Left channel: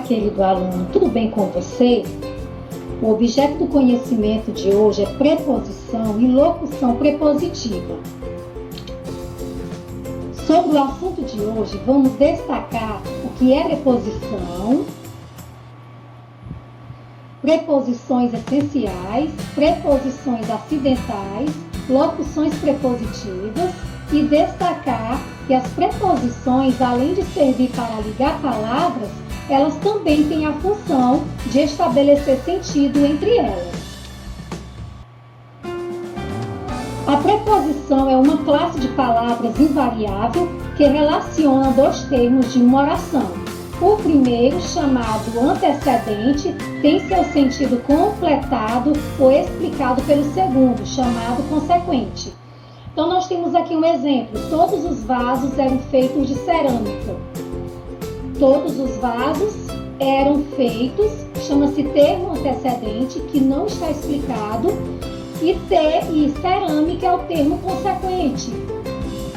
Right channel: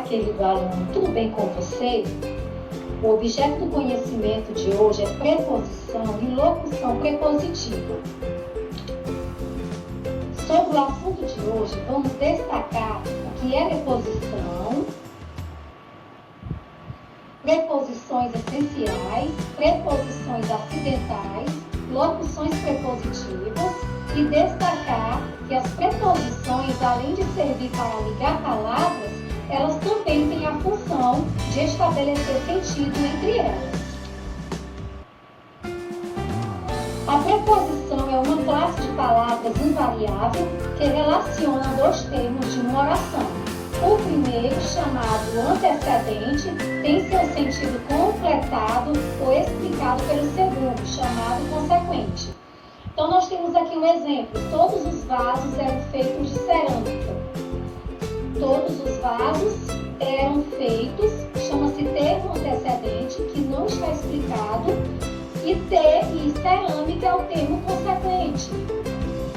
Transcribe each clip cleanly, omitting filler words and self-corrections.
querido aluno, tudo bem com você? O objeto do conhecimento de hoje é preposição e locução prepositiva. Sobre o assunto de hoje, vamos destacar o que é preposição, preposições essenciais, preposições acidentais, locuções prepositivas e destacar que as preposições, além de servir para ligar palavras, elas também têm a função de estabelecer sentido entre elas. A preposição é uma classe de palavras invariável que relaciona dois termos de uma oração. O primeiro, chamado antecedente, tem seu sentido completado ou explicado pelo segundo, chamado consequente. Então, nós temos aqui um exemplo. Todos os vasos eram feitos de cerâmica. Todos os vasos eram feitos, chama-se termo antecedente, que não está explicado, e cerâmica é o termo consequente,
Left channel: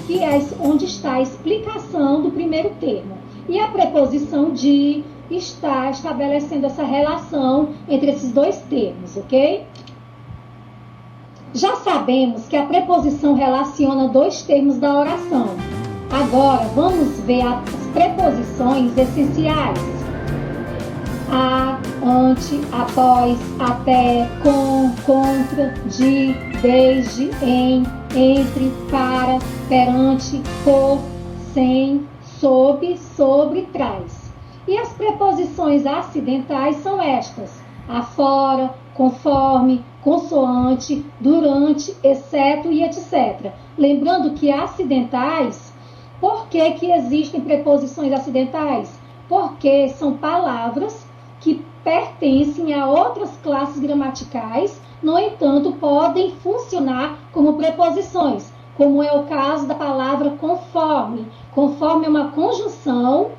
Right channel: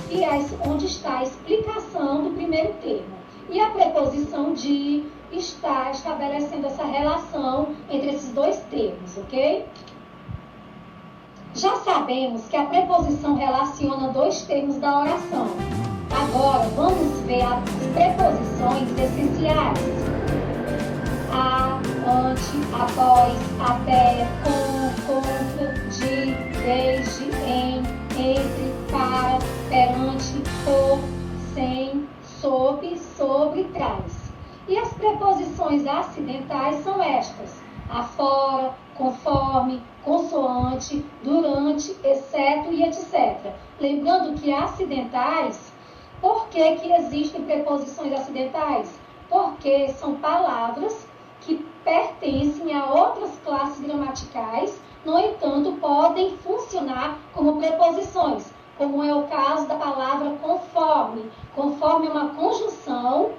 que é onde está a explicação do primeiro termo. E a preposição de está estabelecendo essa relação entre esses dois termos, ok? Já sabemos que a preposição relaciona dois termos da oração. Agora, vamos ver as preposições essenciais. A, ante, após, até, com, contra, de, desde, em, entre, para, perante, por, sem, sob, sobre, trás. E as preposições acidentais são estas: afora, conforme, consoante, durante, exceto e etc. Lembrando que acidentais, por que existem preposições acidentais? Porque são palavras que pertencem a outras classes gramaticais, no entanto, podem funcionar como preposições, como é o caso da palavra conforme. Conforme é uma conjunção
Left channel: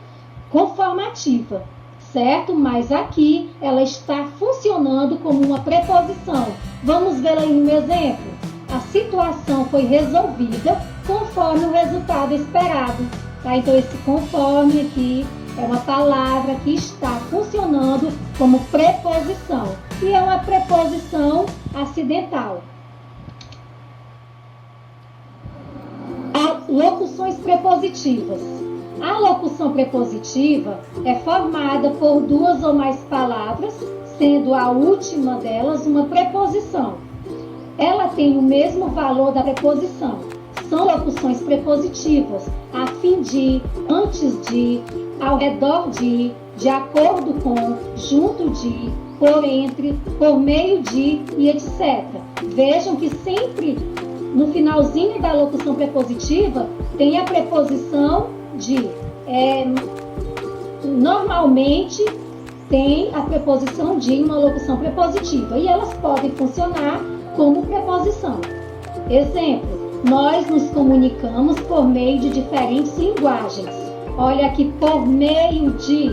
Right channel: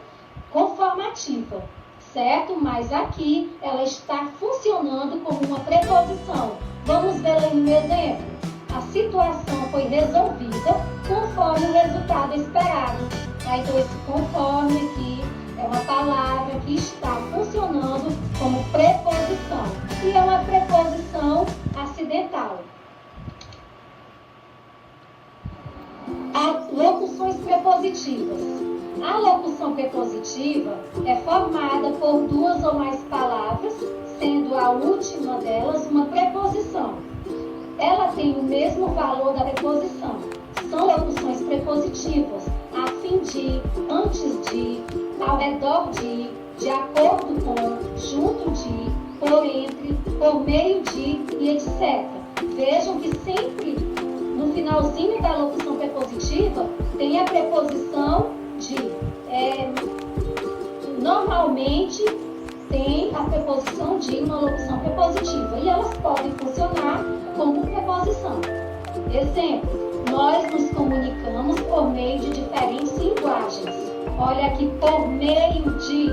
conformativa, certo? Mas aqui ela está funcionando como uma preposição. Vamos ver aí no exemplo. A situação foi resolvida conforme o resultado esperado. Tá? Então, esse conforme aqui é uma palavra que está funcionando como preposição. E é uma preposição acidental. Locuções prepositivas. A locução prepositiva é formada por duas ou mais palavras, sendo a última delas uma preposição. Ela tem o mesmo valor da preposição. São locuções prepositivas, a fim de, antes de, ao redor de acordo com, junto de, por entre, por meio de e etc. Vejam que sempre no finalzinho da locução prepositiva tem a preposição de. Normalmente tem a preposição de uma locução prepositiva e elas podem funcionar como preposição. Exemplo, nós nos comunicamos por meio de diferentes linguagens. Olha aqui, por meio de,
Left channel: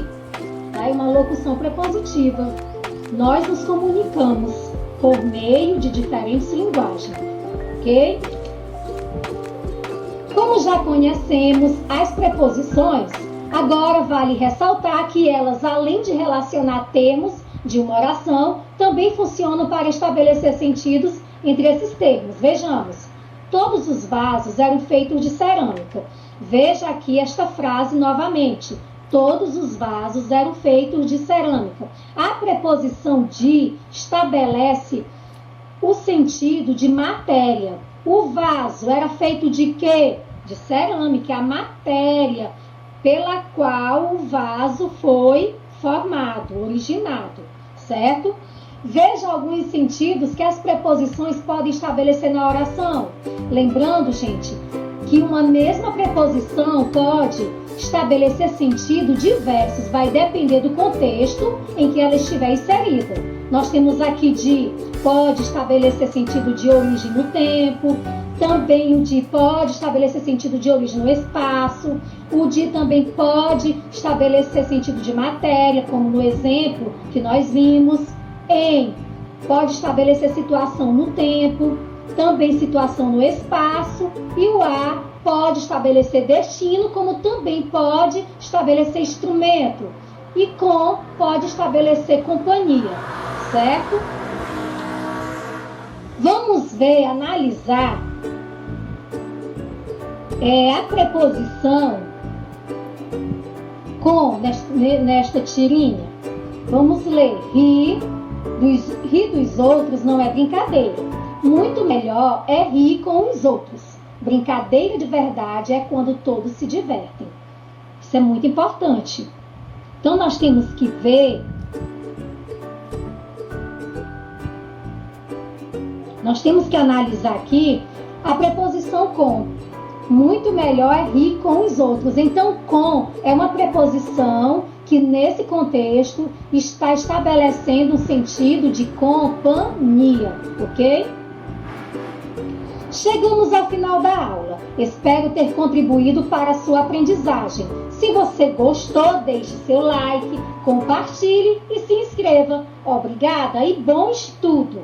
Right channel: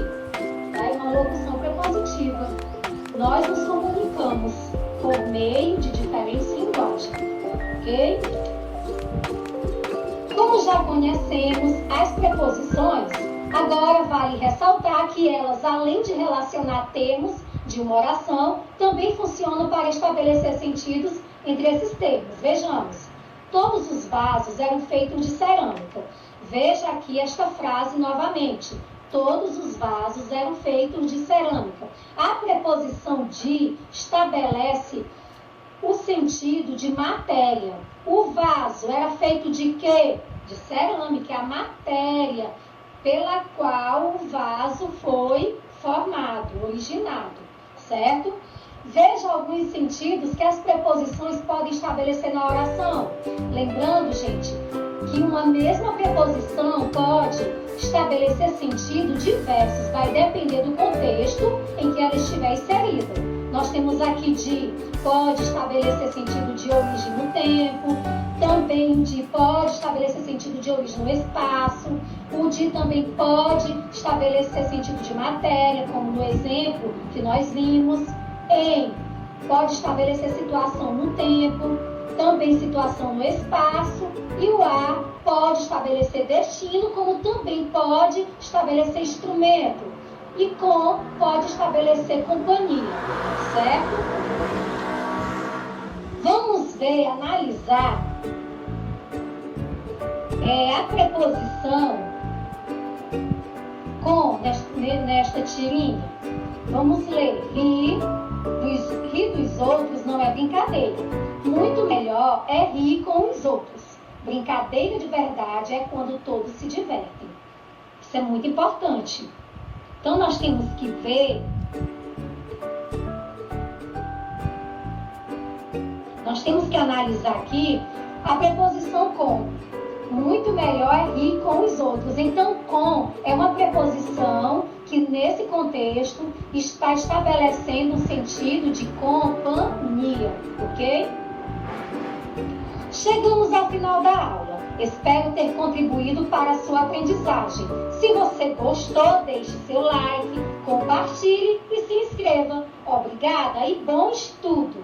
é uma locução prepositiva. Nós nos comunicamos por meio de diferentes linguagens, ok? Como já conhecemos as preposições, agora vale ressaltar que elas, além de relacionar termos de uma oração, também funcionam para estabelecer sentidos entre esses termos. Vejamos, todos os vasos eram feitos de cerâmica. Veja aqui esta frase novamente. Todos os vasos eram feitos de cerâmica. A preposição de estabelece o sentido de matéria. O vaso era feito de quê? De cerâmica, a matéria pela qual o vaso foi formado, originado, certo? Veja alguns sentidos que as preposições podem estabelecer na oração. Lembrando, gente, que uma mesma preposição pode estabelecer sentido diversos, vai depender do contexto em que ela estiver inserida. Nós temos aqui de, pode estabelecer sentido de origem no tempo, também o de pode estabelecer sentido de origem no espaço, o de também pode estabelecer sentido de matéria, como no exemplo que nós vimos, em pode estabelecer situação no tempo, também situação no espaço, e o a pode estabelecer destino, como também pode estabelecer instrumento. e com pode estabelecer companhia, certo? Vamos ver, analisar a preposição com nesta tirinha. Vamos ler. Rir dos outros não é brincadeira. Muito melhor é rir com os outros. Brincadeira de verdade é quando todos se divertem. Isso é muito importante. Então, nós temos que ver, nós temos que analisar aqui a preposição com. Muito melhor é rir com os outros. Então, com é uma preposição que, nesse contexto, está estabelecendo um sentido de companhia, ok? Chegamos ao final da aula. Espero ter contribuído para a sua aprendizagem. Se você gostou, deixe seu like, compartilhe e se inscreva. Obrigada e bom estudo!